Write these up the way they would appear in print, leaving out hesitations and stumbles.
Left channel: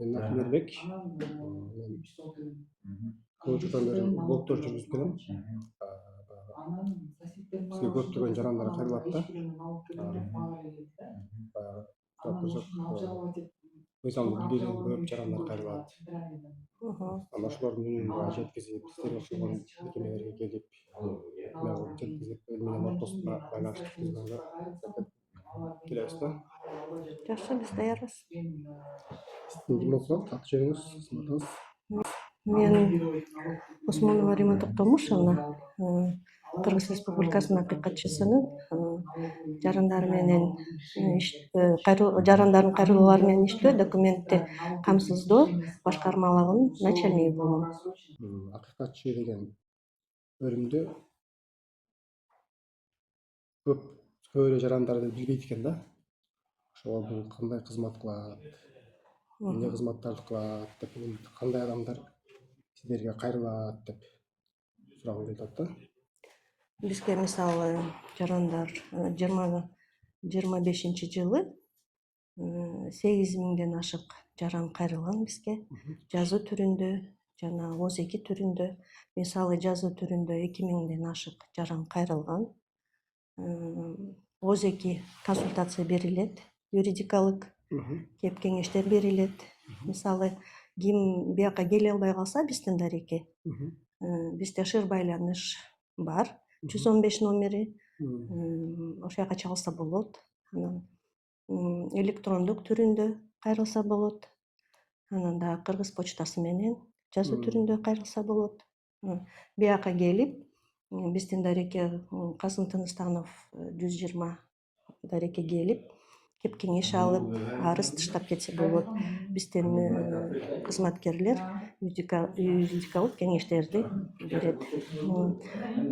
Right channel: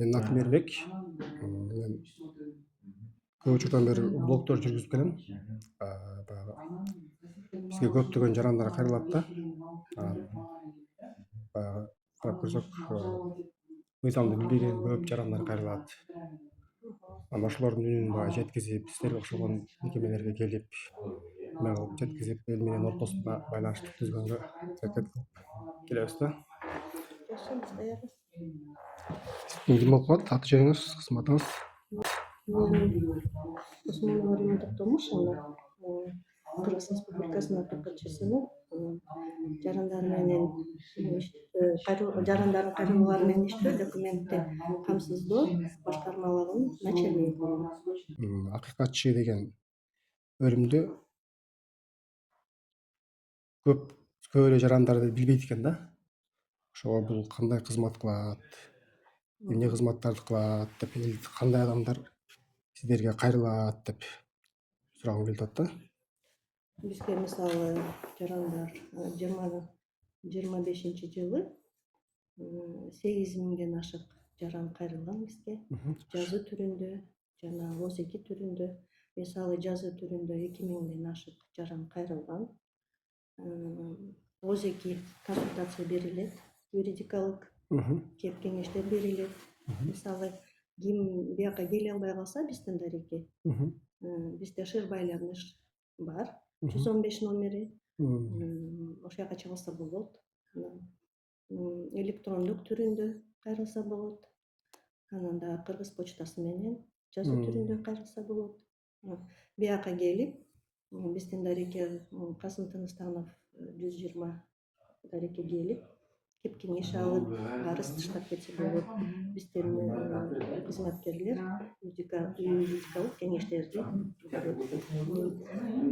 Менин атым Эрбек. Мен көп учурдан бери блогдор жүргүзүп келем. Баягы бизге көптөгөн жарандар кайрылат да. Баягы карап көрсөк, мыйзамды билбеген көп жарандар кайрылат. Анан ошолордун үнүн баягы жеткизип, силерге окшогон мекемелерге келип, эме кылып жеткизип, эл менен ортосунда байланыштык түзгөнгө аракет кылып келебиз да. Жакшы, биз даярбыз. Ким болуп калат? Аты жөнүңүз, кызматыңыз? Мен Осмонова Рима Токтомушевна, Кыргыз Республикасынын акыйкатчысынын жарандар менен жарандардын кайрылуулары менен иштөө, документти камсыздоо башкармалыгынын начальниги болом. Акыйкатчы деген бөлүмдө көп эле жарандарды билбейт экен да. Ошого бул кандай кызмат кылат, эмне кызматтарды кылат деп, кандай адамдар силерге кайрылат деп сурагым келип атат да. Бизге мисалы жарандар 25 жылы 8.000ден ашык жаран кайрылган бизге. Жазуу түрүндө жана ОЗЕКи түрүндө. Мисалы жазуу түрүндө 2.000ден ашык жаран кайрылган. ОЗЕКи консультация берилет, юридикалык кеп кеңештер берилет. Мисалы ким бияка келе албай калса биздин дареке, бизде шыр байланыш бар, 115 номери, ошол жака чалса болот. Анан электрондук түрүндө кайрылса болот. Анан да Кыргыз почтасы менен жазуу түрүндө кайрылса болот. Бияка келип, биздин дареке Касым Тыныстанов 120 дареке келип, кеп кеңеш алып, арыз тыштап кетсе болот. Биздин кызматкерлер юридикалык кеңештерди берет.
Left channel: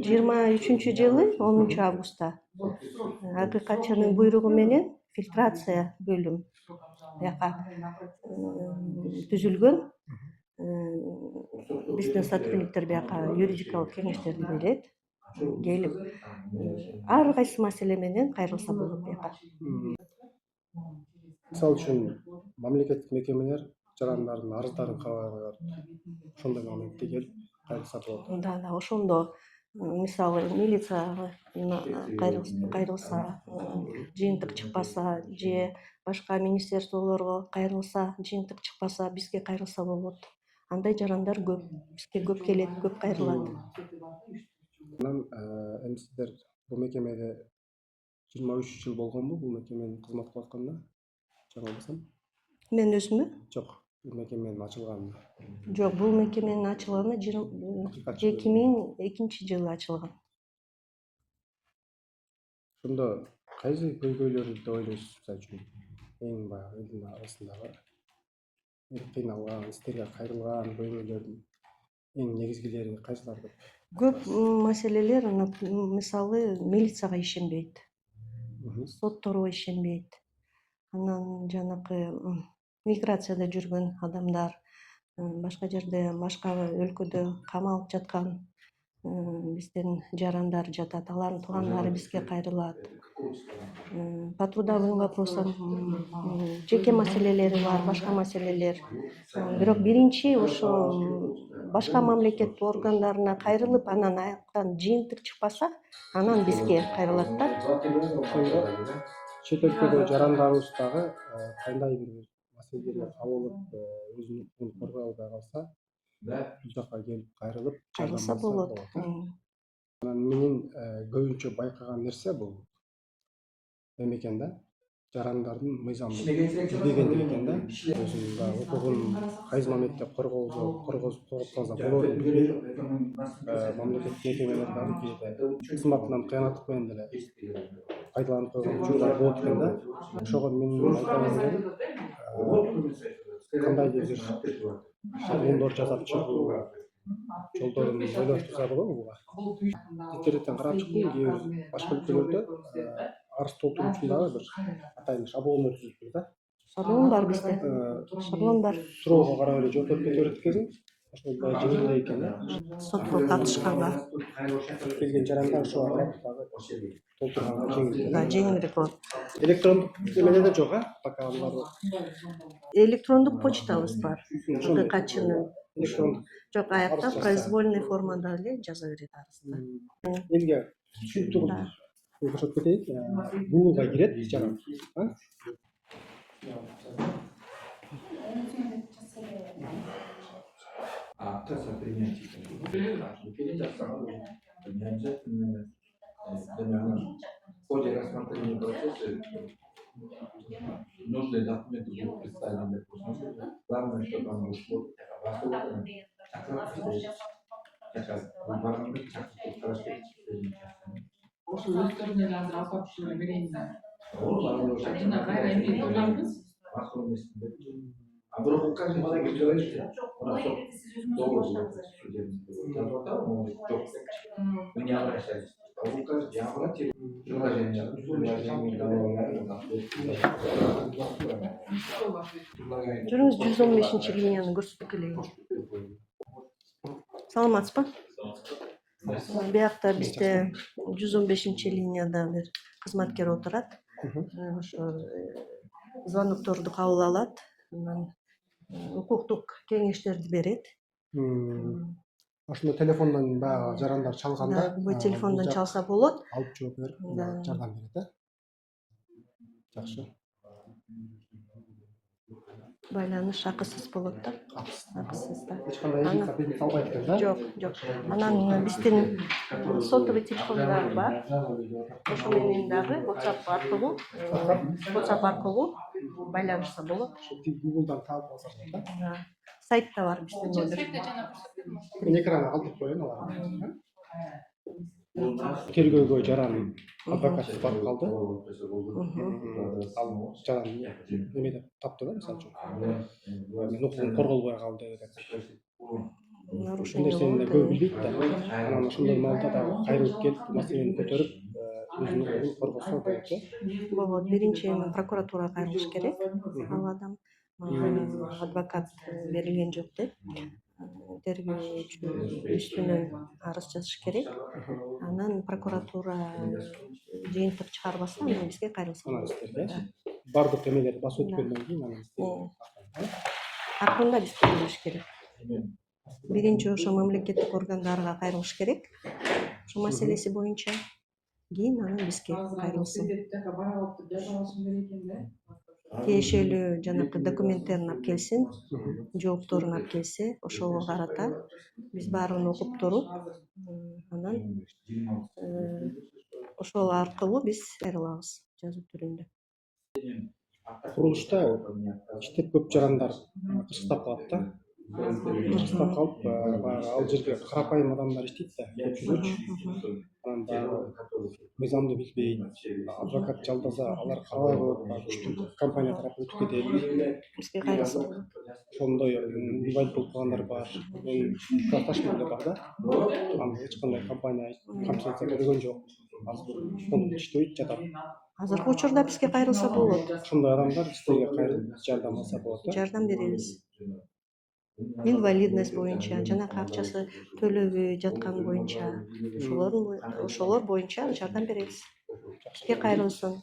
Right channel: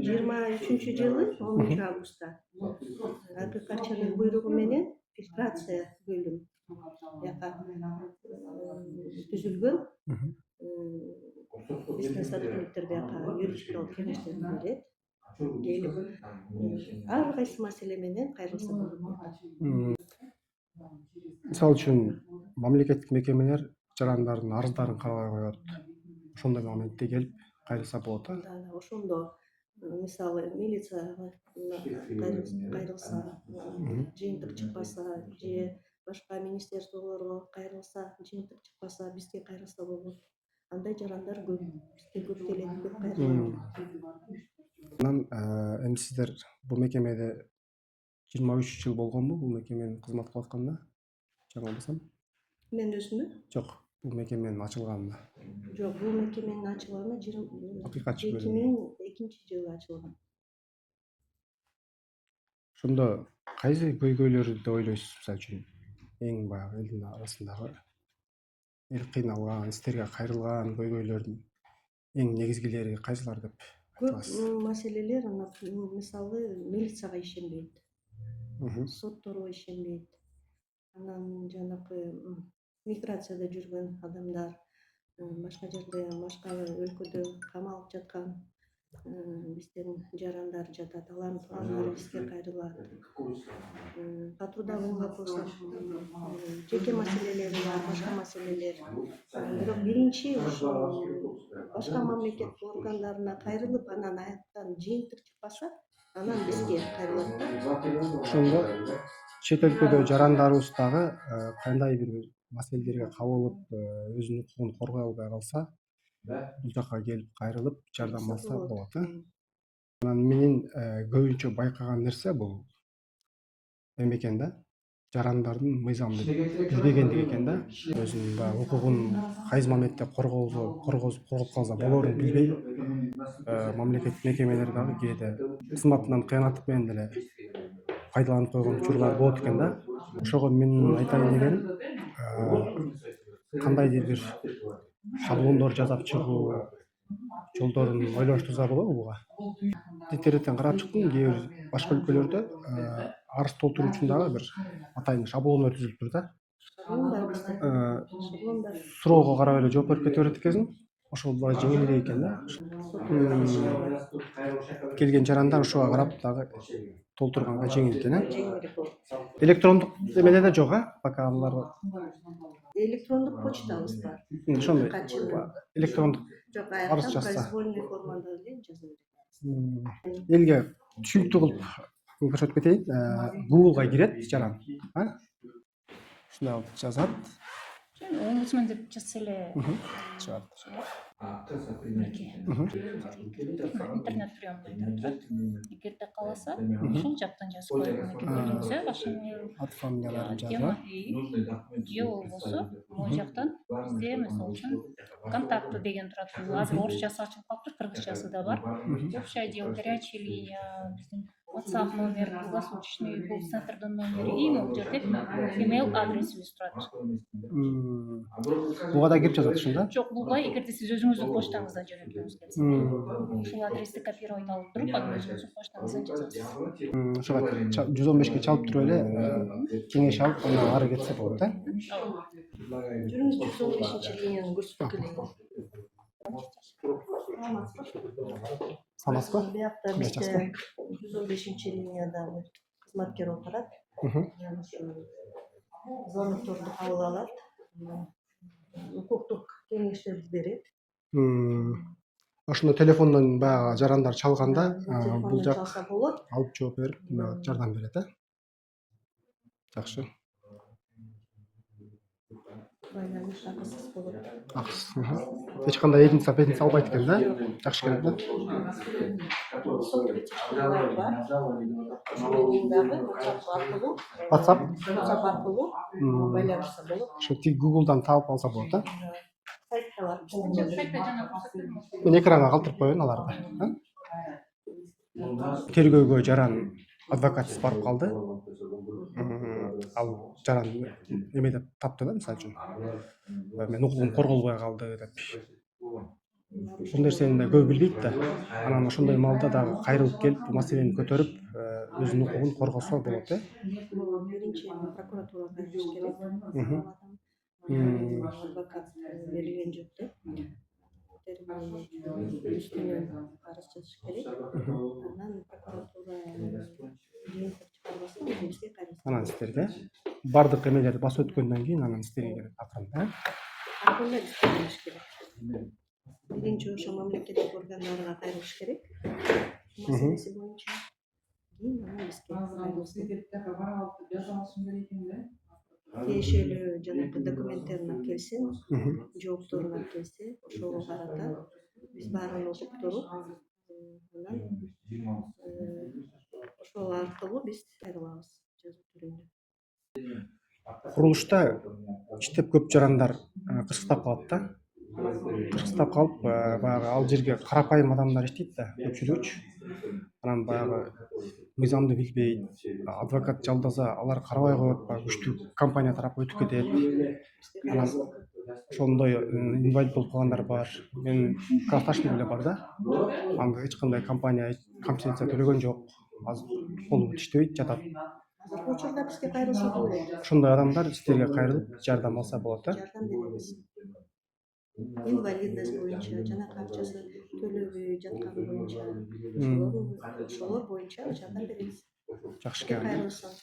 23 жылы 10 августта акыйкатчынын буйругу менен фильтрация бөлүм бияка түзүлгөн. Биздин сотрудниктер бияка юридикалык кеңештерди берет. Келип, ар кайсы маселе менен кайрылса болот бияка. Мисалы үчүн мамлекеттик мекемелер жарандардын арыздарын кабай коет. Ошондой моментте келип кайрылса болот. Да, ошондо мисалы милицияга кайрылса, жыйынтык чыкпаса, же башка министерстволорго кайрылса, жыйынтык чыкпаса, бизге кайрылса болот. Андай жарандар көп, бизге көп келет, көп кайрылат. Анан эми сиздер бул мекемеде 23 жыл болгонбу бул мекеменин кызмат кылып атканына? Чамалбасам. Мен өзүмө? Жок, бул мекеменин ачылганына. Жок, бул мекеменин ачылганына 2002 жылы ачылган. Ошондо кайсы көйгөйлөрдү ойлойсуз, мисалы үчүн эң баягы элдин арасындагы эл кыйналган, силерге кайрылган көйгөйлөрдүн эң негизгилери кайсылар деп? Көп маселелер, мисалы милицияга ишенбейт, сотторго ишенбейт. Анан жанакы миграцияда жүргөн адамдар, башка жерде, башка өлкөдө камалып жаткан биздин жарандар жатат. Алардын туугандары бизге кайрылат. По трудовым вопросам жеке маселелери бар, башка маселелер. Бирок биринчи ошо башка мамлекет органдарына кайрылып, анан аяктан жыйынтык чыкпаса, анан бизге кайрылат да. Ошондо чет өлкөдө жарандарыбыз дагы кандай бир маселелерге кабылып, өзүнүн укугун коргой албай калса, бул жака келип кайрылып жардамдашса болот. Анан менин көбүнчө байкаган нерсе бул эме экен да, жарандардын мыйзамды билбегендиги экен да. Өзүнүн баягы укугун кайсы моментте коргоп калса болорун билбей, мамлекеттик мекемелер дагы кээде кызматынан кыянаттык менен деле пайдаланып койгон учурлар болот экен да. Ошого менин айтайын дегеним, кандайдыр бир шаблондор жасап чыгуу жолдорун ойлоштурса болобу буга? Интернеттен карап чыктым, кээ бир башка өлкөлөрдө арыз толтуруу үчүн дагы бир атайын шаблондор түзүлүптүр да. Шаблон бар бизде. Шаблон бар. Суроого карап эле жооп берип кете берет экенсиң. Ошол дагы жеңилдей экен да. Сотко катышканга Келген жарандар ошого карап дагы толтурганга жеңил экен. Жеңилдик болот. Электрондук эмеде да жок, пока булар электрондук почтабыз бар. Ошондой ДКЧнын. электрондук Жок, арыз аякта жазса. произвольный формада эле жаза берет арызды. Элге түшүнүктүү кылып көрсөтүп кетейин. Google'га кирет жаран. Ушундай кылып жазат. Омбудсмен деп жазса эле Чыгат. интернет прием эгерде кааласа ошол жактан жазып койгонсо Ат фамилияларын тема жазат. же болбосо могу жактан бизде мисалы үчүн контакты деген турат. Азыр орусчасы ачылып калыптыр, кыргызчасы да бар. Общий отдел, горячая линия, биздин WhatsApp номерибиз, точный колл центрдин номери, и бул жерде имейл адресибиз турат. Буга да кирип жазат ушунда? Жок, булга эгерде сиз өзүңүздүн почтаңыздан жөнөткүңүз келсе, ушул адрести копирование алып туруп, анан өзүңүздүн почтаңызга жазасыз. Ошого 115ке чалып туруп эле кеңеш алып анан ары кетсе болот, Жүрүңүз 115 линияны көрсөтүп келейин. Саламатсызбы? Саламатсызбы? Биякта бизде 115 линияда бир кызматкер отурат. Ошо звондокторду кабыл алат, анан укуктук кеңештерди берет. Ошондо телефондон баягы жарандар чалганда Бул телефондон чалса болот. алып жооп берип жардам берет, Жакшы. Байланыш акысыз болот да. Акысыз. Эч кандай эдинса албайт экен да? Жок, Жакшы келет да. Анан биздин сотовый телефондор бар. Ошо менен дагы WhatsApp аркылуу байланышса болот. Ошо тик Google'дан таап алса болот, Сайтта бар биздин. Сайтта жана көрсөтүлмөк. Мен экранга калтырып коеюн аларды. Тергөөгө жаран адвокатсыз барып калды. Ал жаран эме деп тапты да, мисалы үчүн. Мен укугум корголбой калды деп. Ушул нерсени да көп билбейт да. Анан ошондой маалда дагы кайрылып келип, бул маселени көтөрүп, өзүнүн укугун коргосо болот, Болот. Биринчи прокуратурага кайрылыш керек. Ал адам адвокат берилген жок деп. Тергөөчү үстүнөн арыз жазыш керек. Анан прокуратура жыйынтык чыгарбаса, анан бизге кайрылса. Анан сиздерге бардык эмелерди басып өткөндөн кийин анан сиздерге Акырында биз кайрылыш керек. Биринчи ошо мамлекеттик органдарга кайрылыш керек. Ошо маселеси боюнча кийин анан бизге кайрылсын. Тиешелүү жанакы документтерин алып келсин, жоопторун алып келсе, ошого карата биз баарын окуп туруп, анан ошол аркылуу биз кайрылабыз жазуу түрүндө. Курулушта иштеп көп жарандар кырсыктап калат да. Кырсыктап калып, баягы ал жерге карапайым адамдар иштейт да, көпчүлүгүчү. Анан баягы мыйзамды билбейт, адвокат жалдаса, алар карабай коет, күчтүү компания тарапы өтүп кетет. Бизге кайрылсын. Ошондой инвалид болуп калгандар бар. Менин классташым эле бар да. Анда эч кандай компания компенсация төлөгөн жок. Азыр колу иштебейт, жатат. Азыркы учурда бизге кайрылса болот. Ошондой адамдар сиздерге кайрылып жардам алса болот, Жардам беребиз. Инвалидность боюнча, жанакы акчасы төлөбөй жаткан боюнча, ошолор боюнча жардам беребиз. Жакшы. Бизге кайрылсын.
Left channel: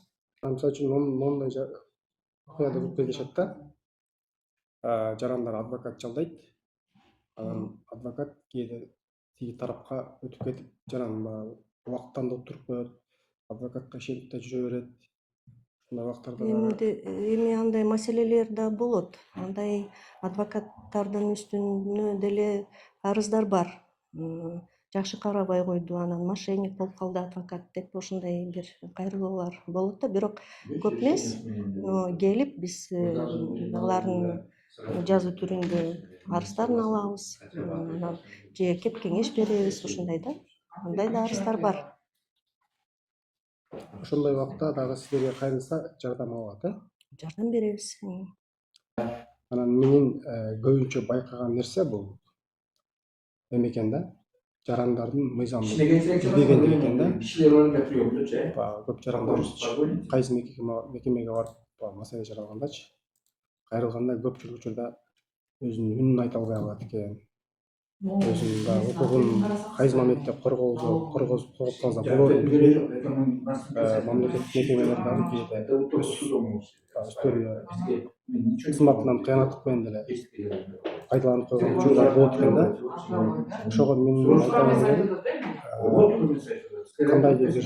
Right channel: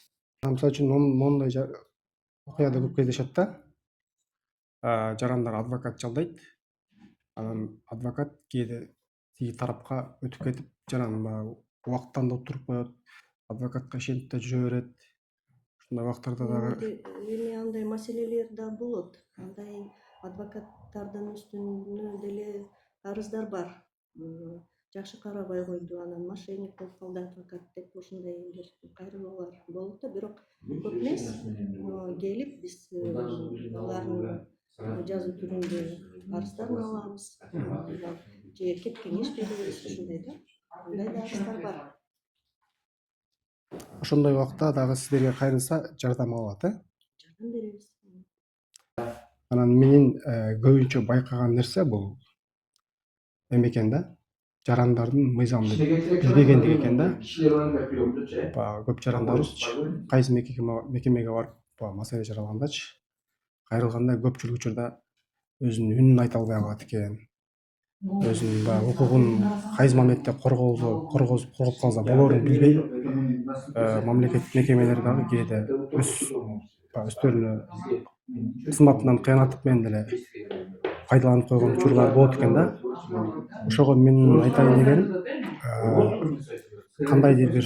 Мисалы үчүн моундай окуяда көп кездешет да. Жарандар адвокат жалдайт. Анан адвокат кээде тиги тарапка өтүп кетип, жаран баягы убактан да туруп коет, адвокатка ишенип да жүрө берет. Ушундай убактарда дагы Эми андай маселелер да болот. Андай адвокаттардын үстүнө деле арыздар бар. Жакшы карабай койду, анан мошенник болуп калды адвокат деп ошондой бир кайрылуулар болот да, бирок көп эмес. Келип биз алардын жазуу түрүндө арыздарын алабыз, же кеп кеңеш беребиз, ушундай да. Андай да арыздар бар. ошондой убакта дагы сиздерге кайрылса жардам алат, Жардам беребиз. Анан менин көбүнчө байкаган нерсе бул эме экен да. Жарандардын мыйзамды билбегендиги экен да. Көп жарандарыбыз кайсы мекемеге барып маселе жаралгандачы, кайрылганда көпчүлүк учурда өзүнүн үнүн айта албай калат экен. өзүнүн баягы укугун кайсы моментте коргозуп калса болорун билбей мамлекеттик мекемелер дагы кээде өздөрүнө кызматынан кыянаттык менен деле пайдаланып койгон учурлар болот экен да. Ошого менин айтайын дегеним кандайдыр бир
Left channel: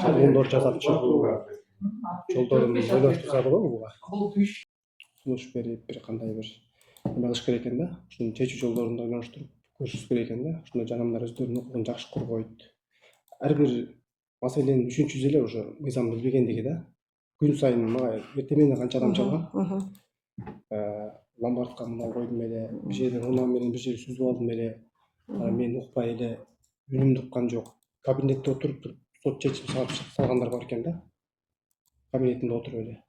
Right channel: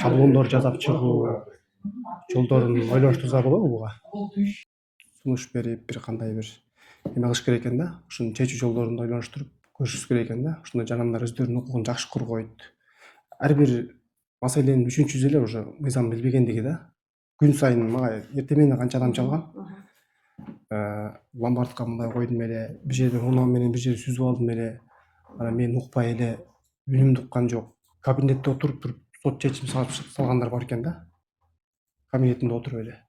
шаблондор жасап чыгуу жолдорун ойлоштурса болобу буга? Сунуш берип бир кандай бир эме кылыш керек экен да. Ушуну чечүү жолдорун ойлоштуруп көрүшүбүз керек экен да. Ошондо жанагындар өздөрүнүн укугун жакшы коргойт. Ар бир маселенин үчүнчүсү эле уже мыйзам билбегендиги да. Күн сайын мага эртең менен канча адам чалган. Ломбардка мындай койдум эле, бир жерден уноо менен бир жерди сүзүп алдым эле. Анан мен укпай эле үнүмдү уккан жок. Кабинетте отуруп туруп сот чечим салгандар бар экен да. Кабинетинде отуруп эле.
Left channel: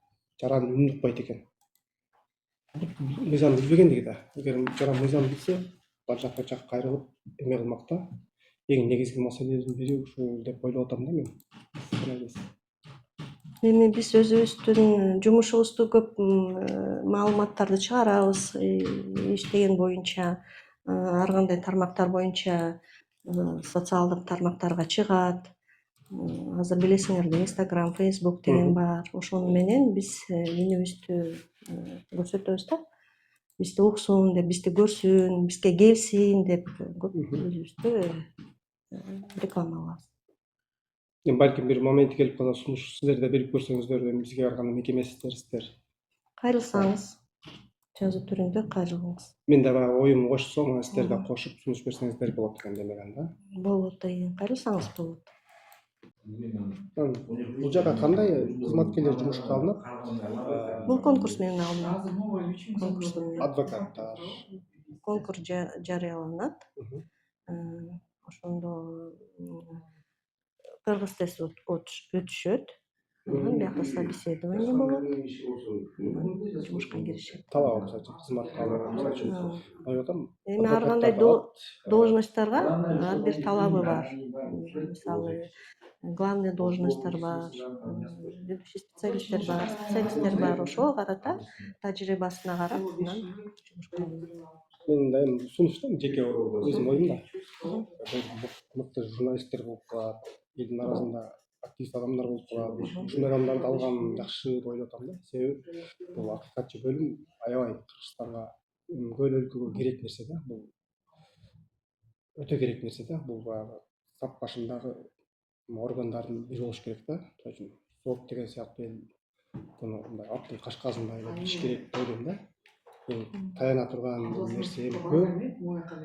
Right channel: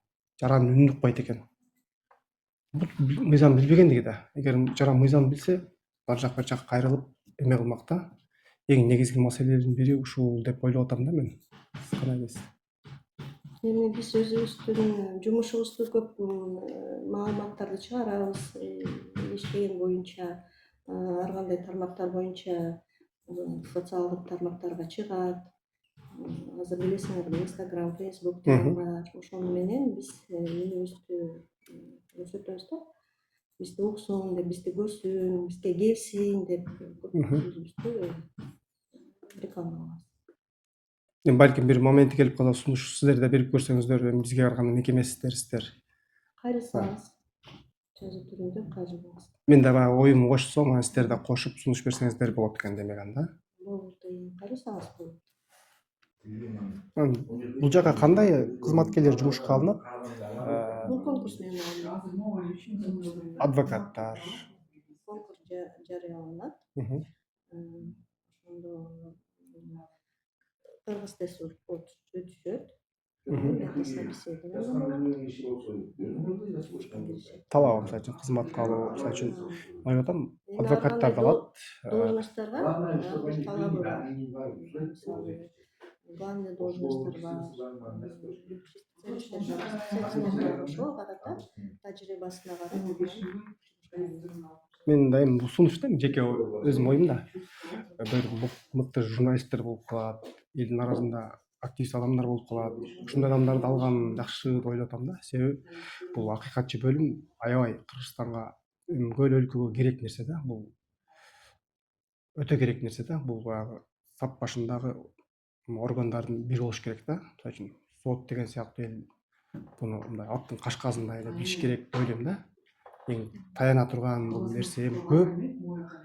Жаран үнүн укпайт экен. Мыйзам билбегендиги да. Эгер жаран мыйзам билсе, бар жак бир жакка кайрылып эме кылмак да. Эң негизги маселелердин бири ушул деп ойлоп атам да мен. Кандай дейсиз? Эми биз өзүбүздүн жумушубузду көп маалыматтарды чыгарабыз, иштеген боюнча, ар кандай тармактар боюнча социалдык тармактарга чыгат. Азыр билесиңерби, Instagram, Facebook деген бар. Ошону менен биз үнүбүздү көрсөтөбүз да. Бизди уксун деп, бизди көрсүн, бизге келсин деп көп өзүбүздү реклама кылабыз. Балким бир моменти келип калса, сунуш сиздер да берип көрсөңүздөр, эми бизге караганда мекемесиздер сиздер. Кайрылсаңыз, жазуу түрүндө кайрылыңыз. Мен да баягы оюмду кошсом, сиздер да кошуп сунуш берсеңиздер болот экен демек анда. Болот, кайрылсаңыз болот. Бул жака кандай кызматкерлер жумушка алынат? Бул конкурс менен алынат. Адвокаттар. Конкурс жарыяланат. Ошондо кыргыз тест өтүшөт. Биякта собеседование болот. Жумушка киришет. Талабы, мисалы үчүн, кызматка алуу, мисалы үчүн, ойлоп атам, Эми ар адвокаттар кандай алат. должностторго ар бир талабы бар. Мисалы, главный должностьтор бар, ведущий специалисттер бар. Ошого карата тажрыйбасына карап жумушка алынат. Мен да эми сунушта жеке өзүм оюм да. Бир мыкты журналисттер болуп калат, элдин арасында активист адамдар болуп калат. Ушундай адамдарды алган жакшы деп ойлоп атам да. Себеби бул акыйкатчы бөлүм аябай Кыргызстанга, көл өлкөгө керек нерсе да. Бул өтө керек нерсе да. Бул баягы сап башындагы органдардын бири болуш керек да. Мисалы үчүн сот деген сыяктуу эл буну мындай аттын кашказындай эле билиш керек деп ойлойм да. Таяна турган бул нерсе көп.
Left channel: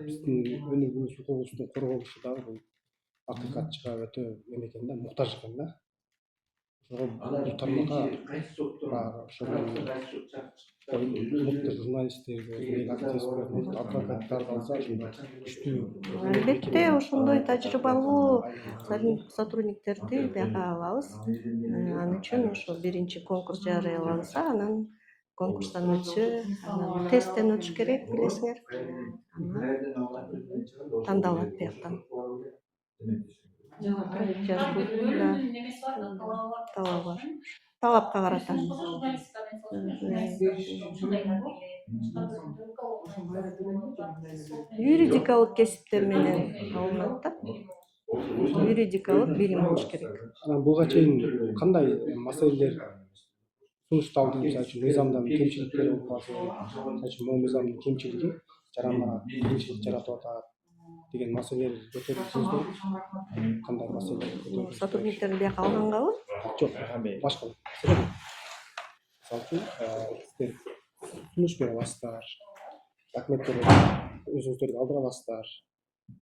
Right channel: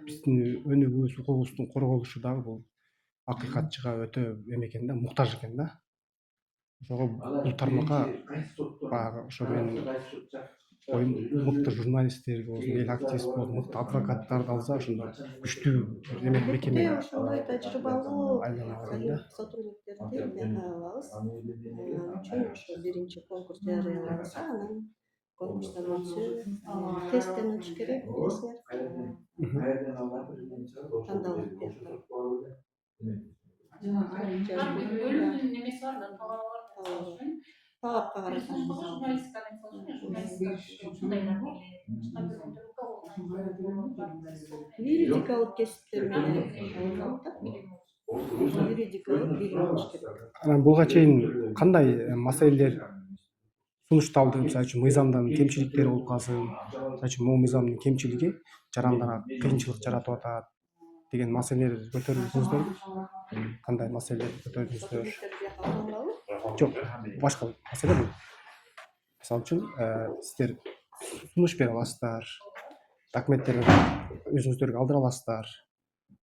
Биздин өнүгүүбүз, укугубуздун корголушу дагы бул акыйкатчыга өтө эме экен да, муктаж экен да. Ошого бул тармакка баягы ошо менин мыкты журналисттер болсун, эл активист болсун, мыкты адвокаттарды алса, ошондо күчтүү Албетте, ошондой тажрыйбалуу сотрудниктерди бияка алабыз. Ал үчүн ошо биринчи конкурс жарыяланса, анан конкурстан өтсө, тесттен өтүш керек, билесиңер. Тандалат бияктан. Талабы бар. Талапка карата. Юридикалык кесиптер менен алынат да. Юридикалык билим болуш керек. Анан буга чейин кандай маселелер сунушталды? Мисалы үчүн мыйзамдын кемчиликтери болуп калсын, мисалы үчүн могу мыйзамдын кемчилиги жарандарга кыйынчылык жаратып атат деген маселелер көтөрүлдүңүздөр? Кандай маселе көтөрдүңүздөр? Сотрудниктерди бияка алгангабы? Жок, башка маселе. Мисалы үчүн, сиздер сунуш бере аласыздар, документтерди өзүңүздөргө алдыра аласыздар.